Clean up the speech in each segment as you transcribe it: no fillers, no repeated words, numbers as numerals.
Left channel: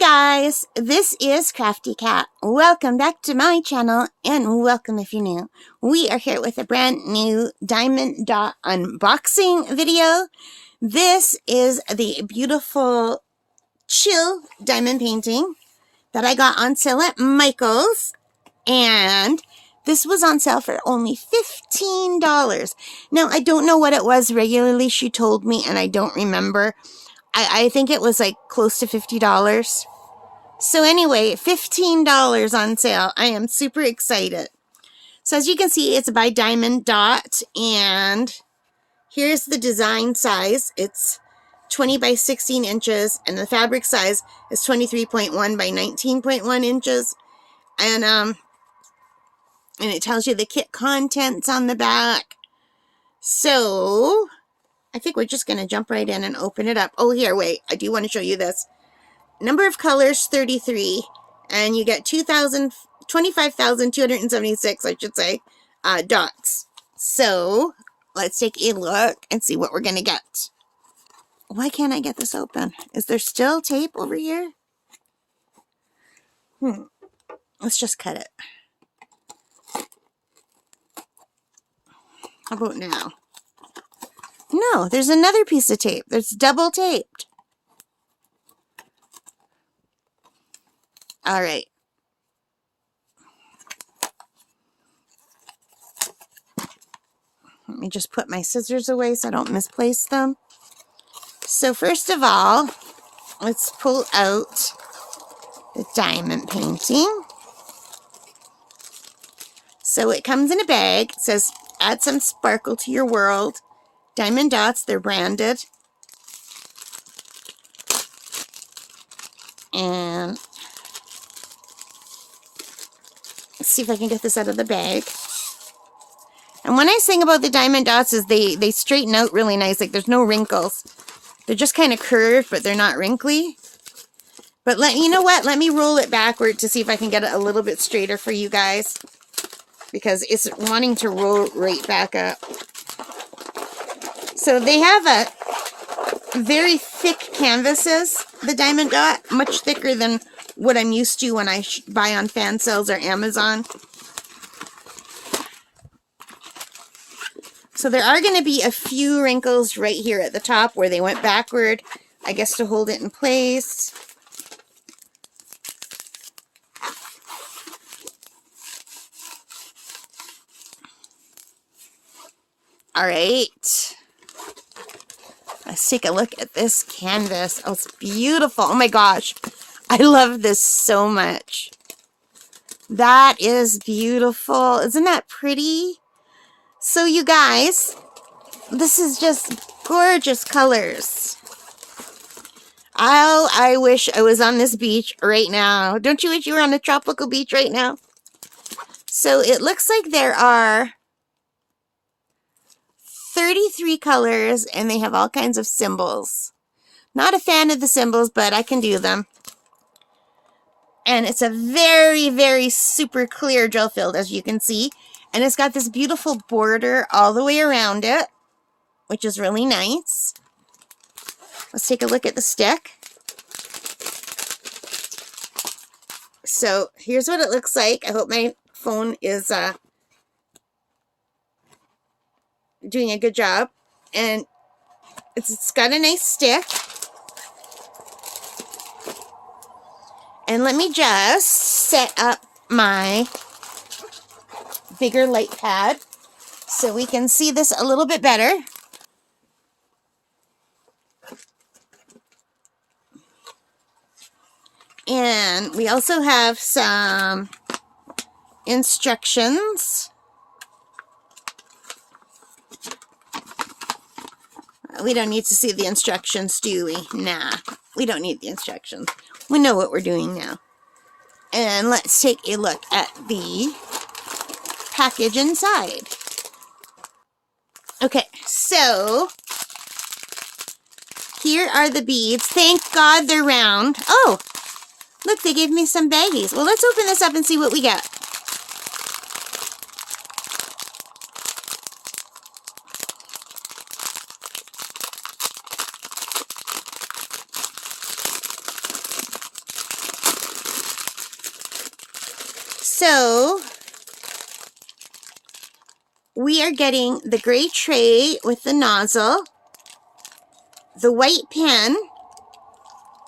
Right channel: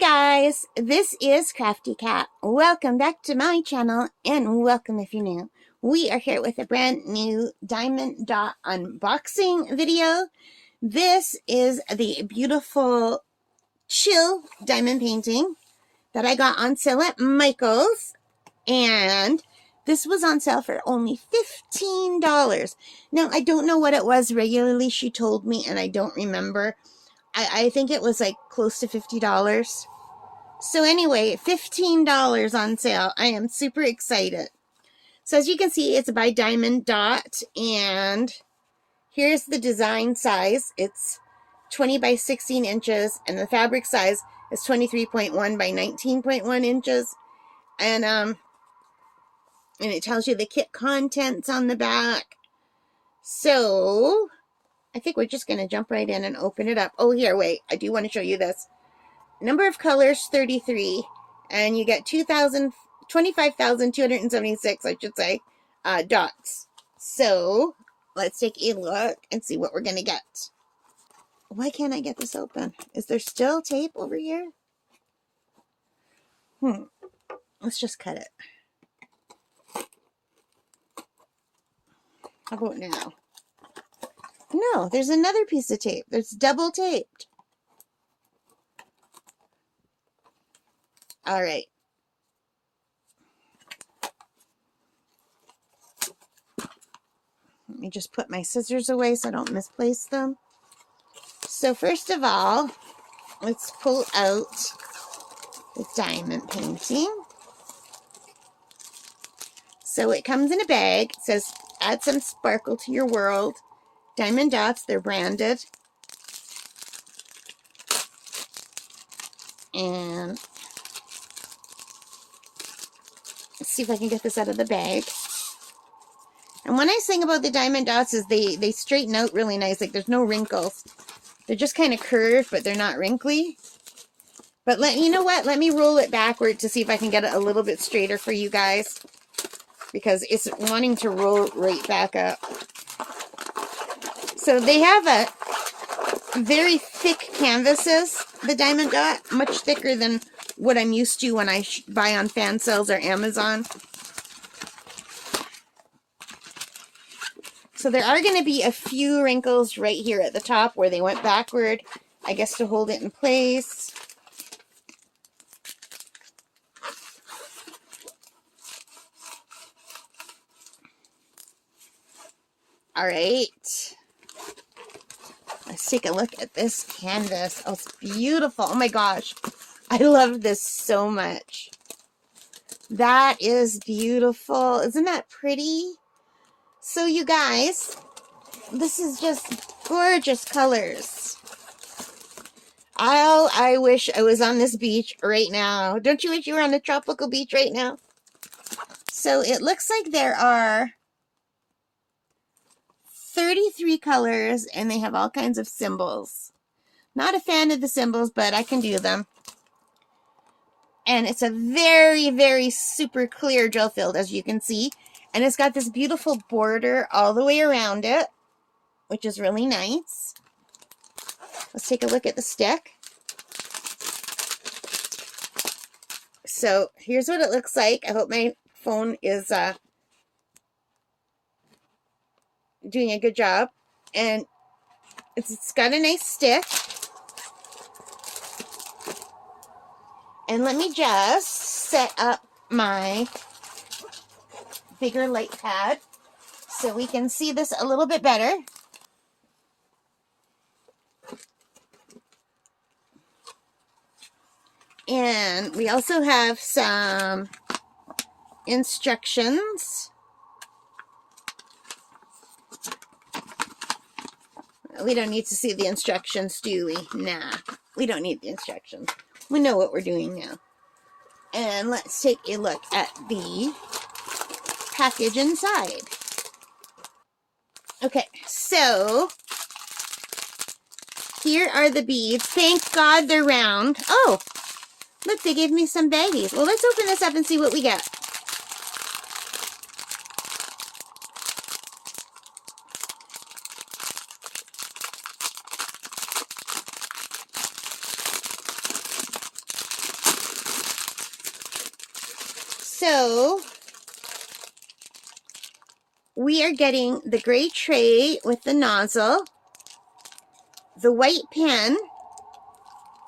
guys, this is Crafty Cat. Welcome back to my channel and welcome if you're new. We are here with a brand new diamond dot unboxing video. This is the beautiful chill diamond painting that I got on sale at Michael's, and this was on sale for only $15. Now, I don't know what it was regularly, she told me, and I don't remember. I think it was like close to $50. So anyway, $15 on sale. I am super excited. So as you can see, it's by Diamond Dot, and here's the design size. It's 20 by 16 inches, and the fabric size is 23.1 by 19.1 inches. And it tells you the kit contents on the back. So I think we're just going to jump right in and open it up. Oh, here, wait. I do want to show you this. Number of colors, 33. And you get 25,276, I should say, dots. So let's take a look and see what we're going to get. Why can't I get this open? Is there still tape over here? Let's just cut it. How about now? No, there's another piece of tape. There's double taped. All right. Let me just put my scissors away so I don't misplace them. So first of all, let's pull out the diamond painting. So it comes in a bag. It says, add some sparkle to your world. Diamond Dots, they're branded. And let's see if I can get this out of the bag. And one nice thing about the Diamond Dots is they straighten out really nice. Like, there's no wrinkles. They're just kind of curved, but they're not wrinkly. But you know what? Let me roll it backward to see if I can get it a little bit straighter for you guys, because it's wanting to roll right back up. So they have a very thick canvases, the Diamond Dot, much thicker than what I'm used to when I buy on fan sales or Amazon. So there are going to be a few wrinkles right here at the top where they went backward, I guess to hold it in place. All right. Let's take a look at this canvas. Oh, it's beautiful. Oh my gosh. I love this so much. That is beautiful. Isn't that pretty? So you guys, this is just gorgeous colors. Oh, I wish I was on this beach right now. Don't you wish you were on a tropical beach right now? So it looks like there are 33 colors, and they have all kinds of symbols. Not a fan of the symbols, but I can do them. And it's a very, very super clear gel filled, as you can see. And it's got this beautiful border all the way around it, which is really nice. Let's take a look at the stick. So here's what it looks like. I hope my phone is doing a good job. And it's got a nice stick. And let me just set up my bigger light pad so we can see this a little bit better. And we also have some instructions. We don't need to see the instructions, do we? Nah, we don't need the instructions. We know what we're doing now. And let's take a look at the package inside. Okay, so here are the beads. Thank God they're round. Oh, look, they gave me some baggies. Well, let's open this up and see what we get. So we are getting the gray tray with the nozzle, the white pen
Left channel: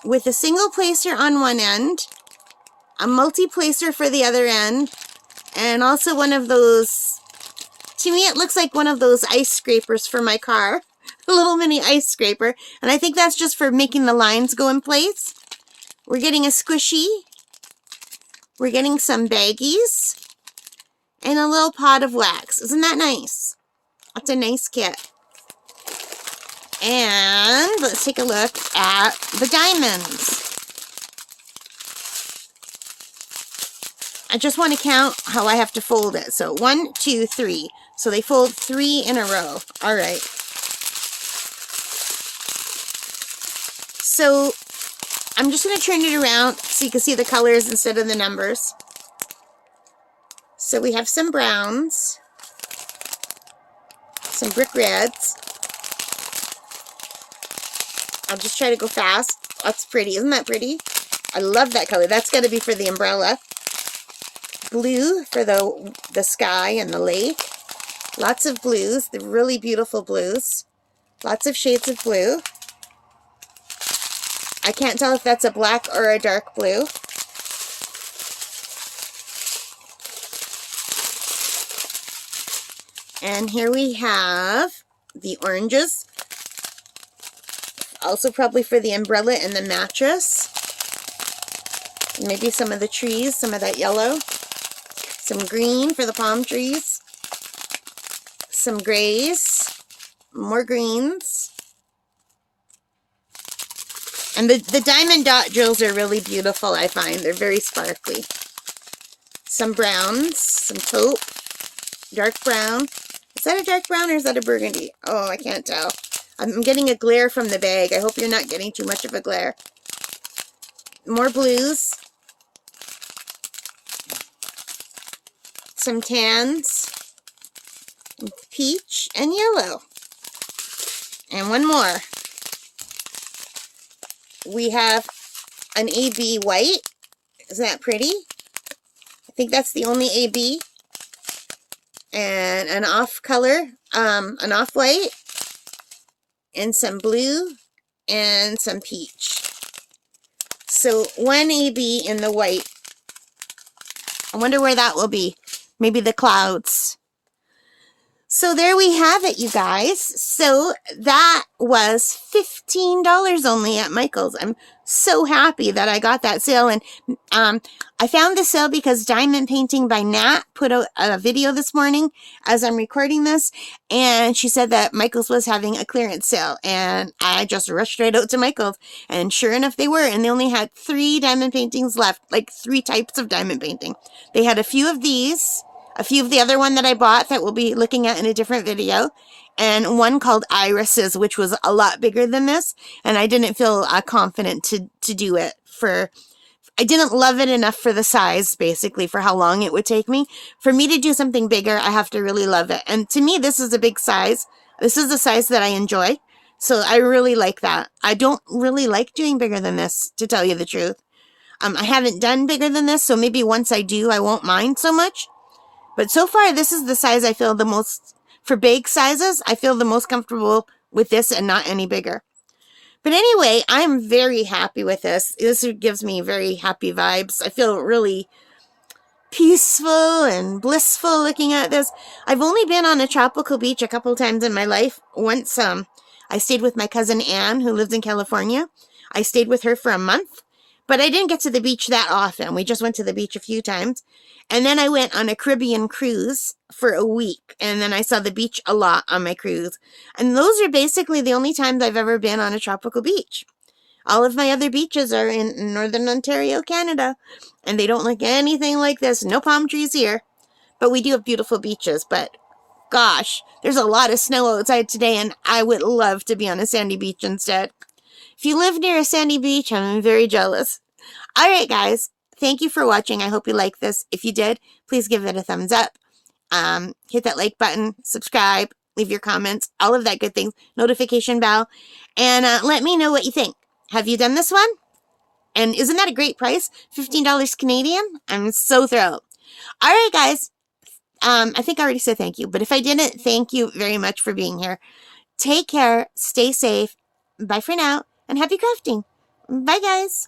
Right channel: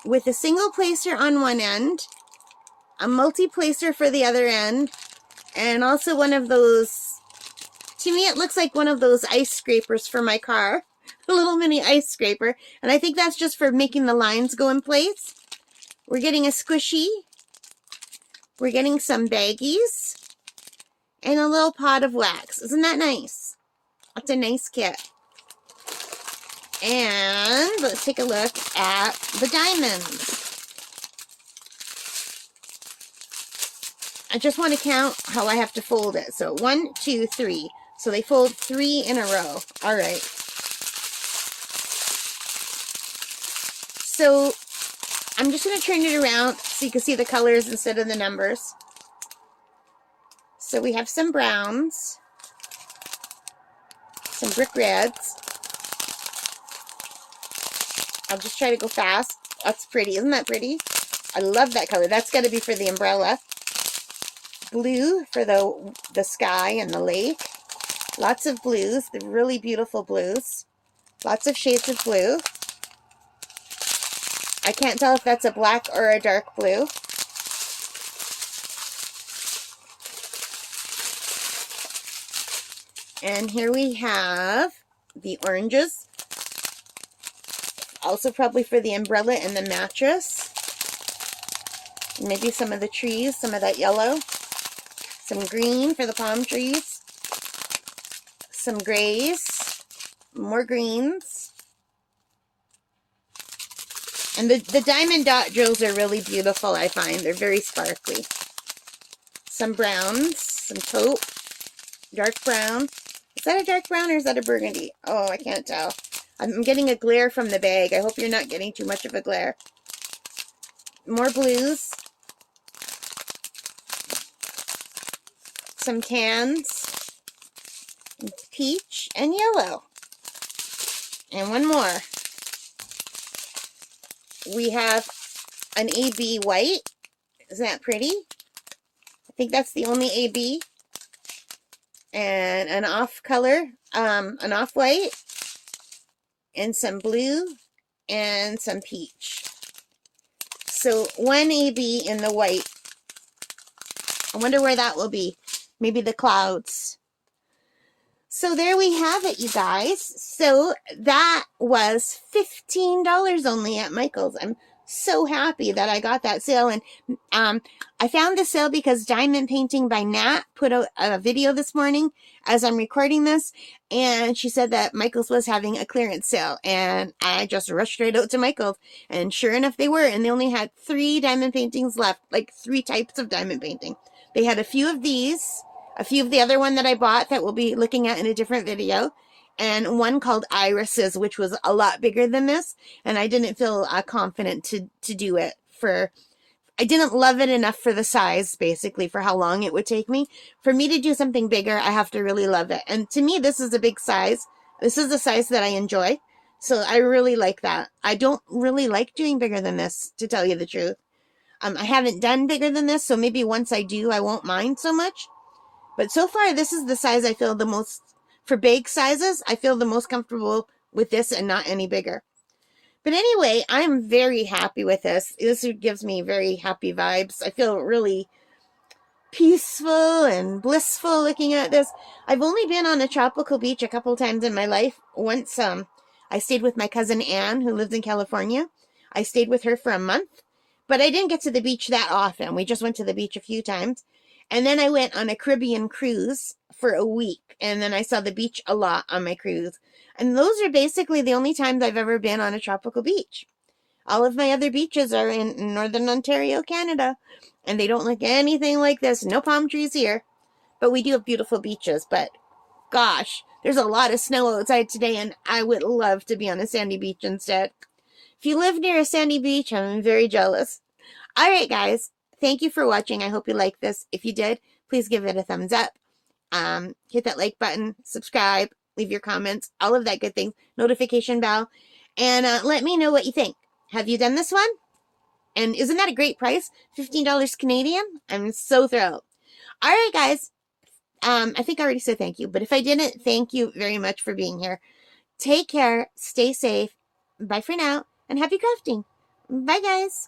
with a single placer on one end, a multi-placer for the other end, and also one of those, to me it looks like one of those ice scrapers for my car, a little mini ice scraper, and I think that's just for making the lines go in place. We're getting a squishy, we're getting some baggies, and a little pot of wax. Isn't that nice? That's a nice kit. And let's take a look at the diamonds. I just want to count how I have to fold it. So 1, 2, 3. So they fold 3 in a row. All right. So I'm just going to turn it around so you can see the colors instead of the numbers. So we have some browns, some brick reds. I'll just try to go fast. That's pretty. Isn't that pretty? I love that color. That's got to be for the umbrella. Blue for the sky and the lake. Lots of blues, the really beautiful blues. Lots of shades of blue. I can't tell if that's a black or a dark blue. And here we have the oranges. Also probably for the umbrella and the mattress. Maybe some of the trees, some of that yellow. Some green for the palm trees. Some grays. More greens. And the diamond dot drills are really beautiful, I find. They're very sparkly. Some browns. Some taupe. Dark brown. Is that a dark brown or is that a burgundy? Oh, I can't tell. I'm getting a glare from the bag. I hope you're not getting too much of a glare. More blues. Some tans. Peach and yellow. And one more. We have an AB white. Isn't that pretty? I think that's the only AB. And an off color, an off white. And some blue and some peach. So one AB in the white. I wonder where that will be. Maybe the clouds. So there we have it, you guys. So that was $15 only at Michael's. I'm so happy that I got that sale. And I found the sale because Diamond Painting by Nat put out a video this morning as I'm recording this. And she said that Michael's was having a clearance sale. And I just rushed right out to Michael's. And sure enough, they were. And they only had 3 diamond paintings left. Like 3 types of diamond painting. They had a few of these. A few of the other one that I bought that we'll be looking at in a different video. And one called Irises, which was a lot bigger than this. And I didn't feel confident to do it I didn't love it enough for the size, basically, for how long it would take me. For me to do something bigger, I have to really love it. And to me, this is a big size. This is the size that I enjoy. So I really like that. I don't really like doing bigger than this, to tell you the truth. I haven't done bigger than this, so maybe once I do, I won't mind so much. But so far, this is the size I feel the most, for big sizes, I feel the most comfortable with this and not any bigger. But anyway, I'm very happy with this. This gives me very happy vibes. I feel really peaceful and blissful looking at this. I've only been on a tropical beach a couple times in my life. Once I stayed with my cousin Anne, who lives in California. I stayed with her for a month. But I didn't get to the beach that often. We just went to the beach a few times. And then I went on a Caribbean cruise for a week. And then I saw the beach a lot on my cruise. And those are basically the only times I've ever been on a tropical beach. All of my other beaches are in Northern Ontario, Canada. And they don't look anything like this. No palm trees here. But we do have beautiful beaches. But gosh, there's a lot of snow outside today. And I would love to be on a sandy beach instead. If you live near a sandy beach, I'm very jealous. All right, guys. Thank you for watching. I hope you liked this. If you did, please give it a thumbs up. Hit that like button, subscribe, leave your comments, all of that good things, notification bell, and let me know what you think. Have you done this one? And isn't that a great price? $15 Canadian? I'm so thrilled. All right, guys. I think I already said thank you, but if I didn't, thank you very much for being here. Take care, stay safe. Bye for now, and happy crafting. Bye, guys.